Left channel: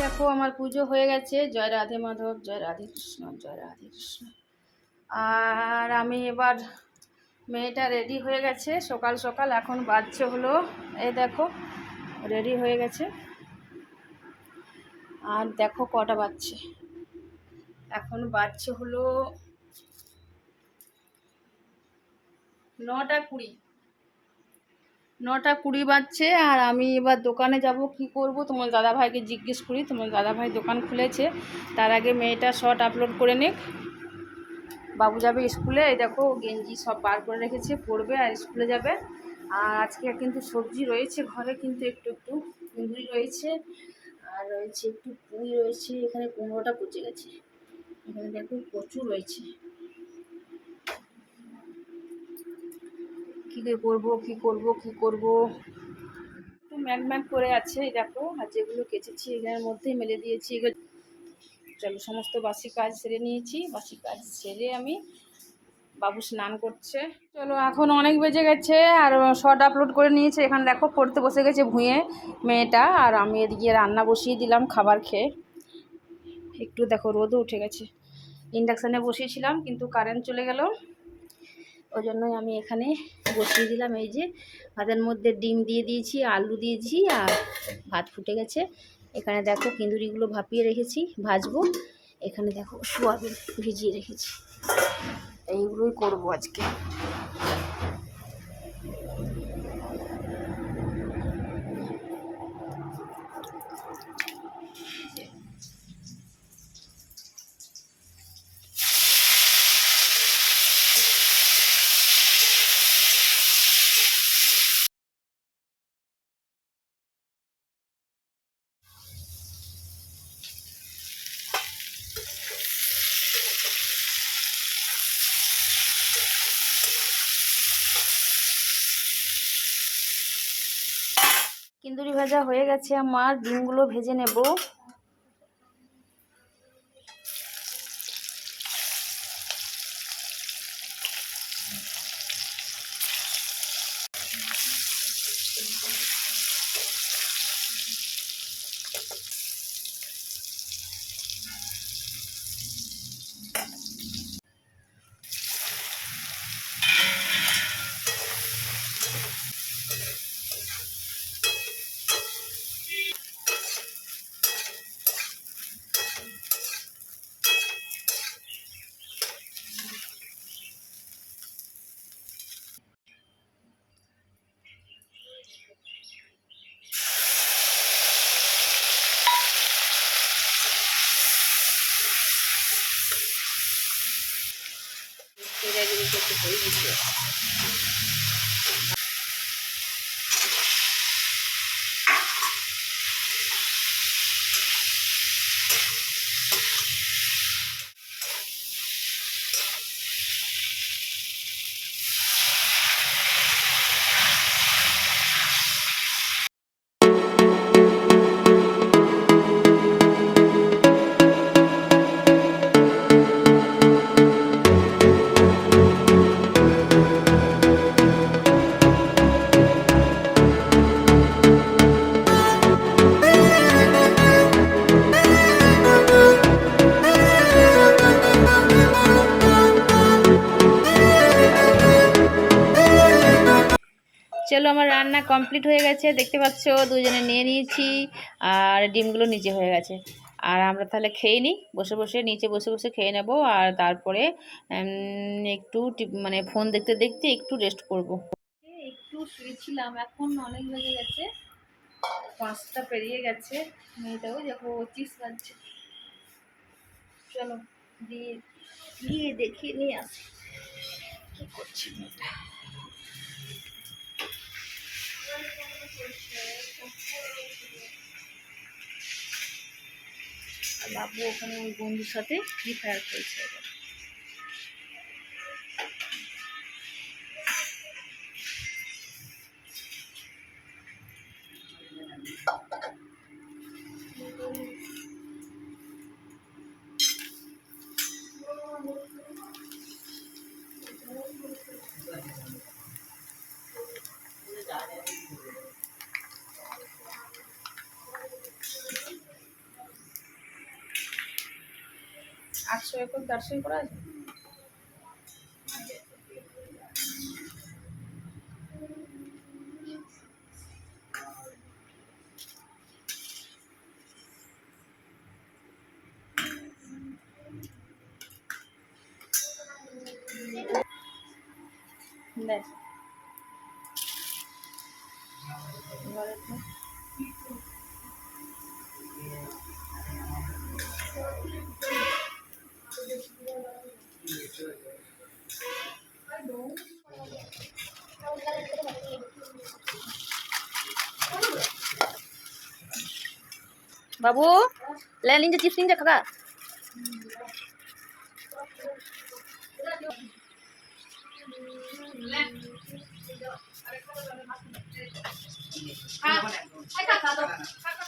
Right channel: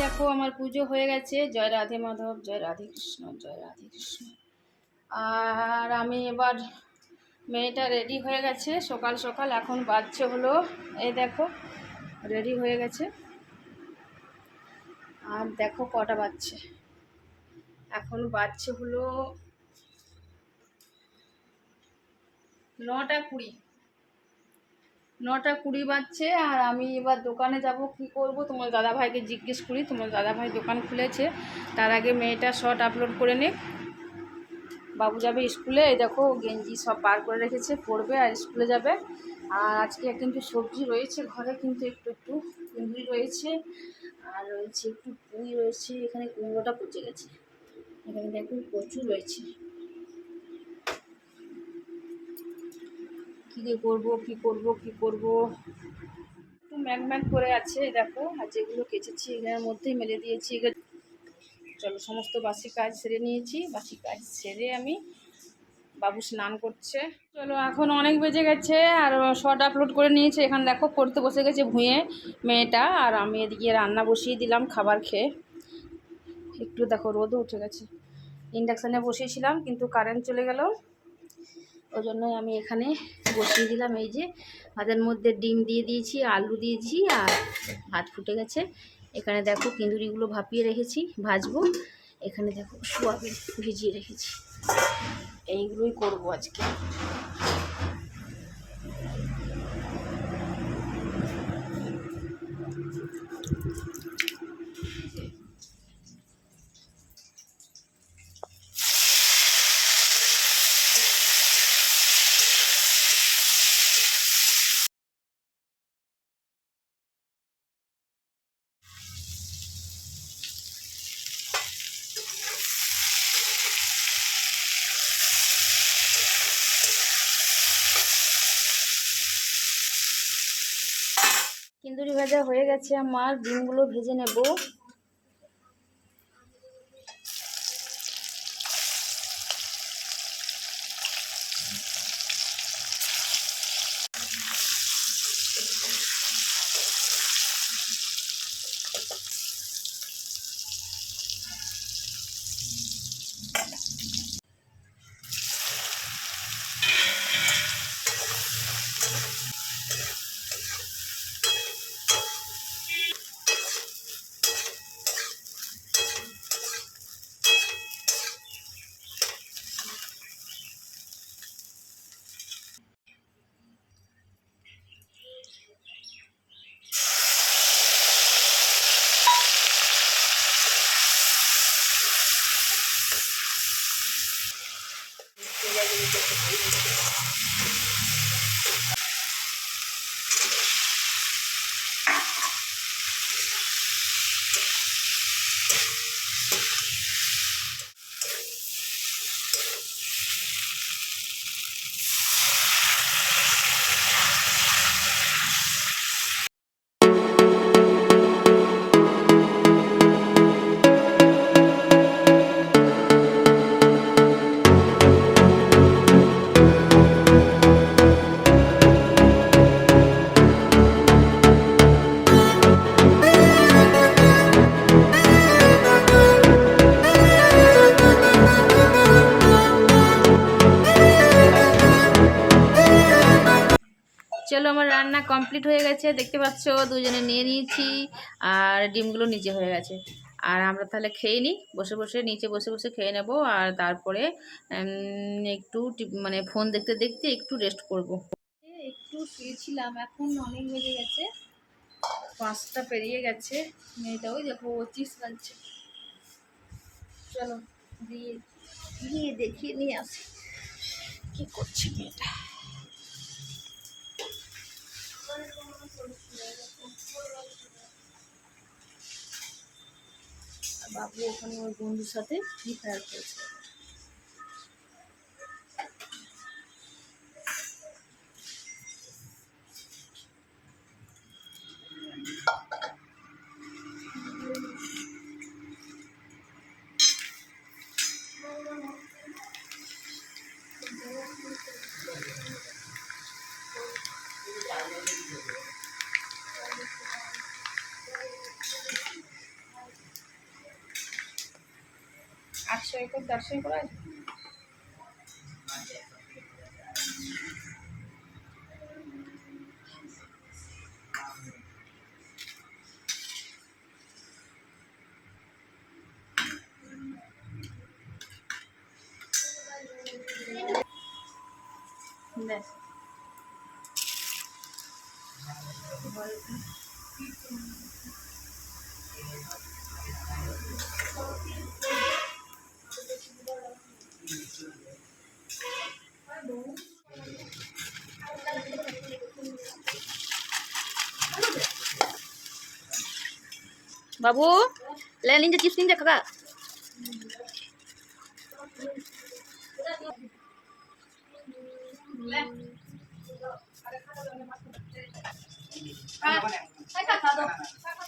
দেখো, আমার পুজো হয়ে গেছে। জয় রাধে মাধব, জয় রাধে কৃষ্ণ, জয় রাধে কৃষ্ণ। আর আমি এবার মেয়েটা রেডি হয়ে গেছে। সকাল সকাল এখন বাজছে হলো, এই দেখো রেডি হয়ে গেছে। আর দেখো কটা বাজছে। এখন বাজছে হলো নটা কুড়ি। নটা কুড়ি বাজছে আর আমি এবার দোকানে যাব, কি করব? তোমার দাদাভাইকে জিজ্ঞেস করি। তোমার দাদাভাই দোকান খুলেছে। তার আগে মেয়েটা শর্ট আপলোড করে নে বাবু যাবে স্কুলে। এই দেখো, গেঞ্জি সব বার করে রেখেছে পড়বে আর স্কুলে যাবে। আর আজকে কিন্তু সবজি রয়েছে ঘরে, কিন্তু একটু একটু কুঁদরি রয়েছে আর রয়েছে একটু পুঁই রয়েছে। এখানে কুমড়োটা পচে গেছে। এখানে দেখো প্রচুর রয়েছে। কী করব কী করব কী করব? একটু ম্যাক ম্যাক করে আছে দেখো, আর যেগুলো কেচেছি এগুলোর মধ্যেই মেলে দিয়েছি। চলো, সমস্ত বাসি কাজ সেরে নিয়েছি। বাসি কাজ সেরে আমি বাবু স্নান করছে। চলো, এখন অনেক বেজে গেছে, আর শর্ট আপলোড করে নিয়েছে। এখানে দেখো, পড়তে বসে গেছে ভুঁয়ে মেয়েটা, আর আমি এদিকে রান্না বসিয়ে দিলাম খাবার খেয়ে। একটু দেখো, রোদও উঠে গেছে। ইন্ডাকশানে বসিয়েছিলাম, কিন্তু কারেন্ট চলে গেল। ওই জন্যই আমি এখানে বসিয়ে দিলাম। এই যে ভাতের মধ্যে ডিম দিয়ে দিয়েছি, আলু দিয়েছি আর ভাত ফুটে গেছে। এখানে দেখো কিঁদুরিগুলো ভাপিয়ে রেখেছি, ভাজবো। এখানে দেখো সোয়াবিন ভিজিয়ে রেখেছি। এইগুলোই করব আজকে। ভাজা হয়ে গেছে আমার ডিমগুলো ভেজে নেব। yang dimiliki. চলো আমার রান্না কমপ্লিট হয়ে গেছে। দেখতে পাচ্ছ, দুজনে নিয়ে নিয়েছি আর ডিমগুলো নিচে হয়ে গেছে। আর আমরা তাহলে খেয়ে নিই, বসে বসে, নিচে বসে বসে খেয়ে নেব আর তারপরে একটু মানে ফোন দেখতে দেখতে একটু রেস্ট করব। একটু শুয়েছিলাম, এখন অনেক বেজে গেছে। পাঁচটা পেরিয়ে গেছে। মেয়েটাও দেখো, চিপস খাচ্ছে। চলো, দিয়ে, গিয়ে দেখিয়ে নিয়ে আসি। কী করছে মেয়েটা? বাবু ওখানে ওই বন্ধুর সাথে ফ্রি ফায়ার খেলছে। আটশো একর দেড়শো একর আছে? দেখ বাবু লে নিনজা চিপস নিনজা কাকা। আজকে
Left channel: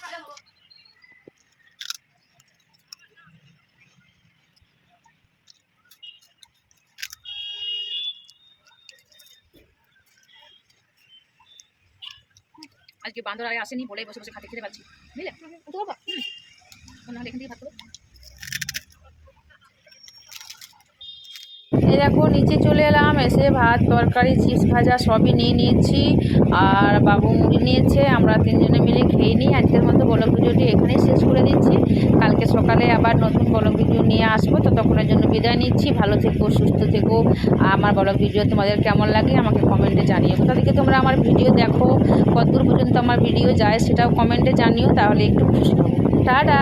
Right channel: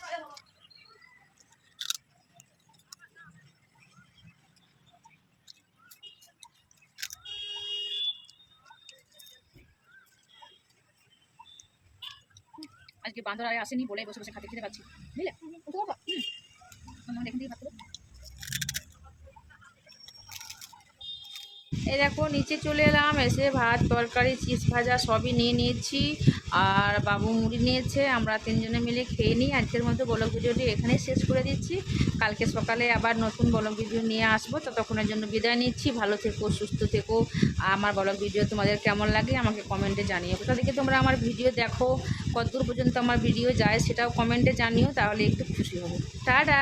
বান্দর আর আসেনি বলে বসে বসে খাতে খেতে পারছি বুঝলে? তো বাবা নাহলে এখান থেকে ভাত করব এই দেখো, নিচে চলে এলাম, এসে ভাত, তরকারি, চিজ ভাজা সবই নিয়ে নিয়েছি, আর বাবু মুড়ি নিয়েছে, আমরা তিনজনে মিলে খেয়ে নিই। আজকের মতো বলক ভিডিওটি এখানেই শেষ করে দিচ্ছি। কালকে সকালে আবার নতুন বলক ভিডিও নিয়ে আসব ততক্ষণের জন্য বিদায় নিচ্ছি। ভালো থেকো, সুস্থ থেকো। আমার বলক ভিডিও তোমাদের কেমন লাগে আমাকে কমেন্টে জানিও। কোথা থেকে তোমরা আমার ভিডিও দেখো, কতদূর পর্যন্ত আমার ভিডিও যায় সেটাও কমেন্টে জানিও, তাহলে একটু খুশি হব। টাটা!